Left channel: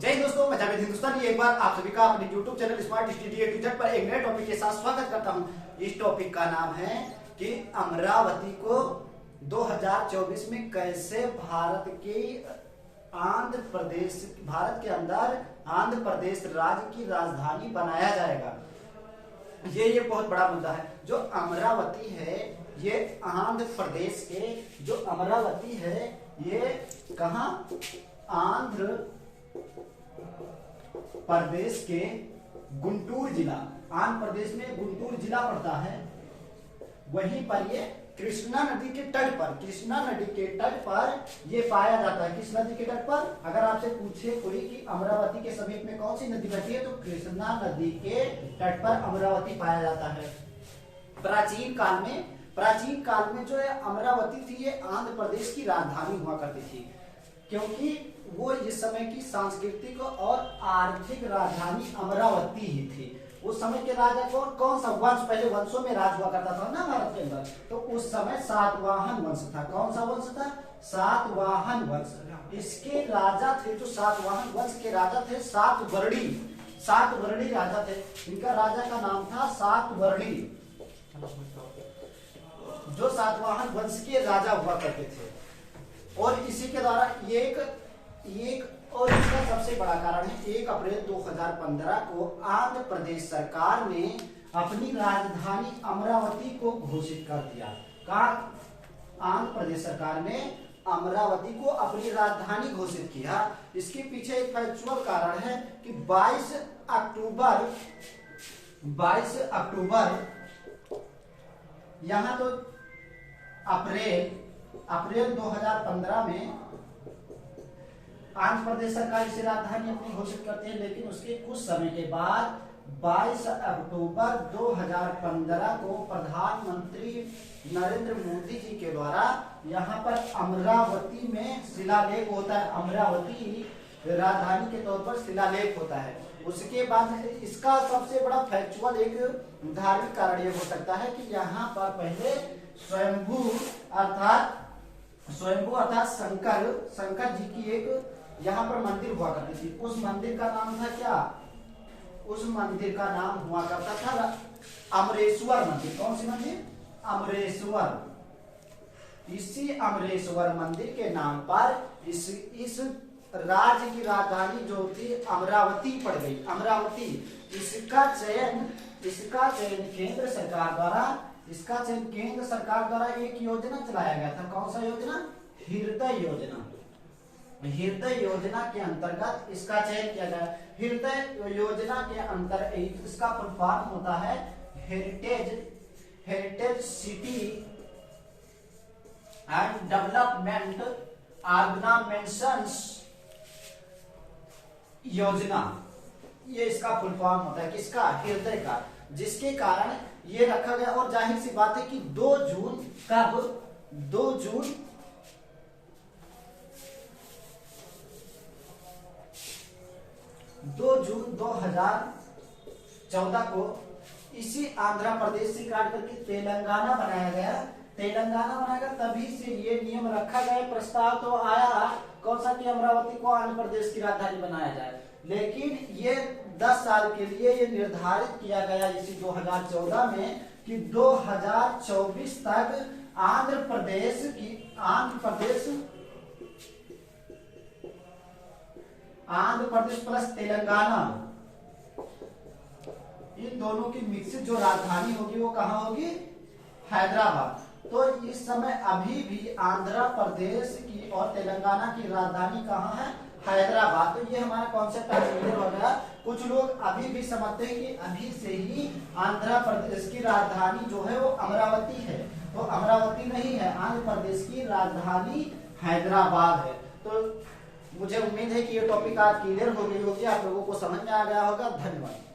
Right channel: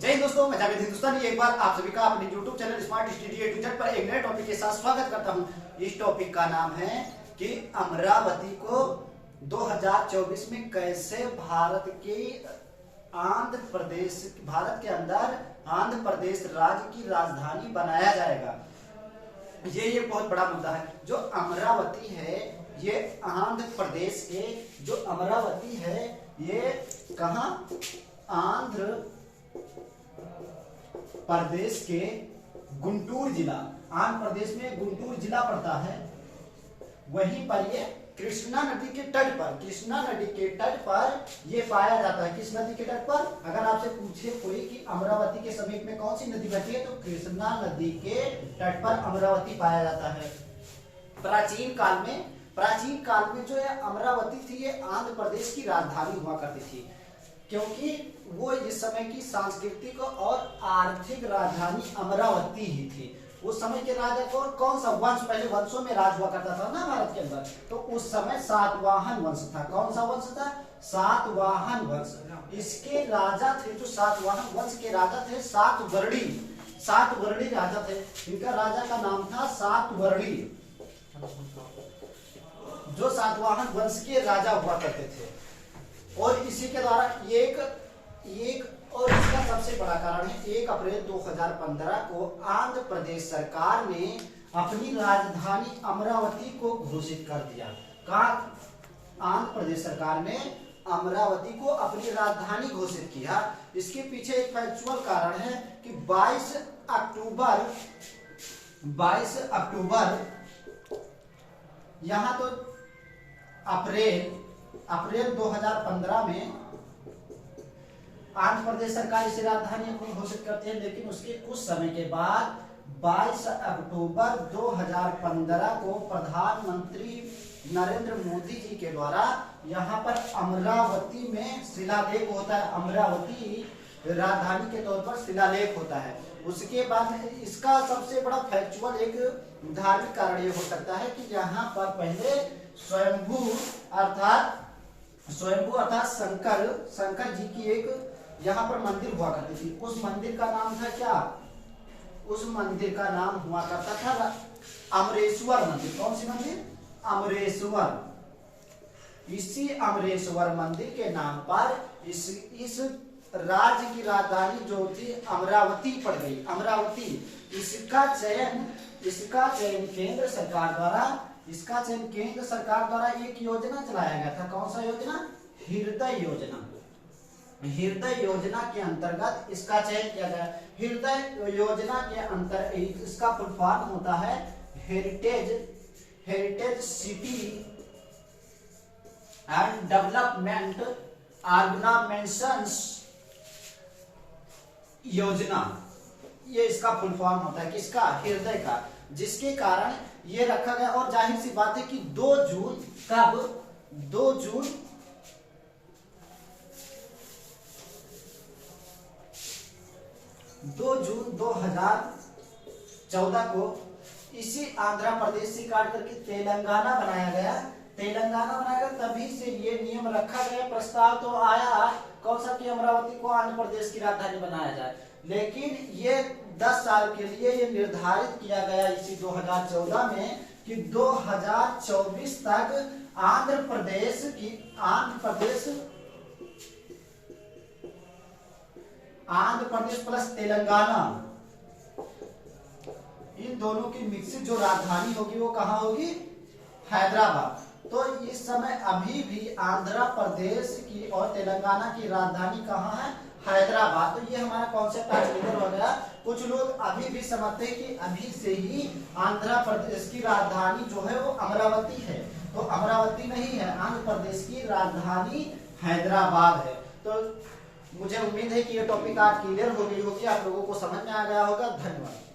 जय हिंद दोस्तों, मैं जावेद हिंदुस्तानी एक बार आप सभी का अपने YouTube channel smart study A to Z पर एक नए टॉपिक के साथ स्वागत करता हूं। इस टॉपिक का नाम है कि अमरावती को 2024 में कैसे भारत के अंदर आंध्र प्रदेश राज्य की राजधानी बनाया जाएगा। ये बहुत बड़ा मुद्दा है। जो अमरावती है ये आंध्र प्रदेश के जो अमरावती है ये कहां? आंध्र प्रदेश के गुंटूर जिला, आंध्र प्रदेश में गुंटूर जिला पड़ता है। वहीं पर ये कृष्णा नदी के तट पर ये पाया जाता है। किस नदी के तट पर? अगर आपसे पूछे कोई कि अमरावती के समीप में कौन सी नदी बहती है तो कृष्णा नदी के तट पर अमरावती पाया जाता है। प्राचीन काल में जो है अमरावती थी ये आंध्र प्रदेश की राजधानी हुआ करती थी, क्योंकि वो इस समय की सांस्कृतिक और आर्थिक राजधानी अमरावती ही थी। उस समय के राजा कौन सा वंश? पहले वंशों में राज हुआ करता था ना भारत के अंदर, तो उस समय सातवाहन वंश था। कौन सा वंश था? सातवाहन वंश। इसके राजा थे जो सातवाहन वंश के राजा थे सातवर्णी राजा थे। इनका राजा का नाम था सातवर्णी, जो सातवाहन वंश के राजा हुआ करते थे। और इसी के द्वारा और इसका सबसे बड़ा कारण है 1 अप्रैल 2015 को आंध्र प्रदेश सरकार ने अपनी राजधानी अमरावती को घोषित कर दिया। आंध्र प्रदेश सरकार ने अमरावती को अपनी राजधानी घोषित किया। इसके पीछे एक फैक्चुअल कारण है कि 22 अक्टूबर यहां तो अप्रैल 2015 में आंध्र प्रदेश सरकार इसे राजधानी अपनी घोषित करती है, लेकिन उसके कुछ समय के बाद 22 अक्टूबर 2015 को प्रधानमंत्री नरेंद्र मोदी जी के द्वारा यहाँ पर अमरावती में शिलालेख होता है। अमरावती राजधानी के तौर पर शिलालेख होता है। उसके बाद इसका सबसे बड़ा फैक्चुअल एक धार्मिक कारण ये हो सकता है कि यहाँ पर पहले स्वयंभू अर्थात शंकर जी की एक यहाँ पर मंदिर हुआ करती थी। उस मंदिर का नाम था क्या? उस मंदिर का नाम हुआ करता था अमरेश्वर मंदिर। कौन सी मंदिर? अमरेश्वर। इसी अमरेश्वर मंदिर के नाम पर इस राज्य की राजधानी जो थी अमरावती पड़ गई। अमरावती इसका चयन केंद्र सरकार द्वारा एक योजना चलाया गया था। कौन सा योजना? हृदय योजना के अंतर्गत इसका चयन किया गया। हृदय योजना के अंतर्गत इसका फुल फॉर्म होता है heritage city and development organisations योजना। ये इसका फुल फॉर्म होता है किसका? हृदय का, जिसके कारण ये रखा गया। और जाहिर सी बात है कि 2 जून 2014 को इसी आंध्र प्रदेश से काट करके तेलंगाना बनाया गया। तभी से ये नियम रखा गया। प्रस्ताव तो आया कौन सा कि अमरावती को आंध्र प्रदेश की राजधानी बनाया जाए, लेकिन ये 10 साल के लिए ये निर्धारित किया गया इसी 2014 में कि 2024 तक आंध्र प्रदेश प्लस तेलंगाना इन दोनों की मिक्सित जो राजधानी होगी वो कहां होगी? हैदराबाद। तो इस समय अभी भी आंध्र प्रदेश की और तेलंगाना की राजधानी कहां है? हैदराबाद। तो ये हमारा कॉन्सेप्ट आज क्लियर हो गया। कुछ लोग अभी भी समझते हैं कि अभी से ही आंध्र प्रदेश की राजधानी जो है वो अमरावती है, तो अमरावती नहीं है, आंध्र प्रदेश की राजधानी हैदराबाद है। तो मुझे उम्मीद है कि ये टॉपिक आज क्लियर हो गई होगी, आप लोगों को समझ में आ गया होगा। धन्यवाद।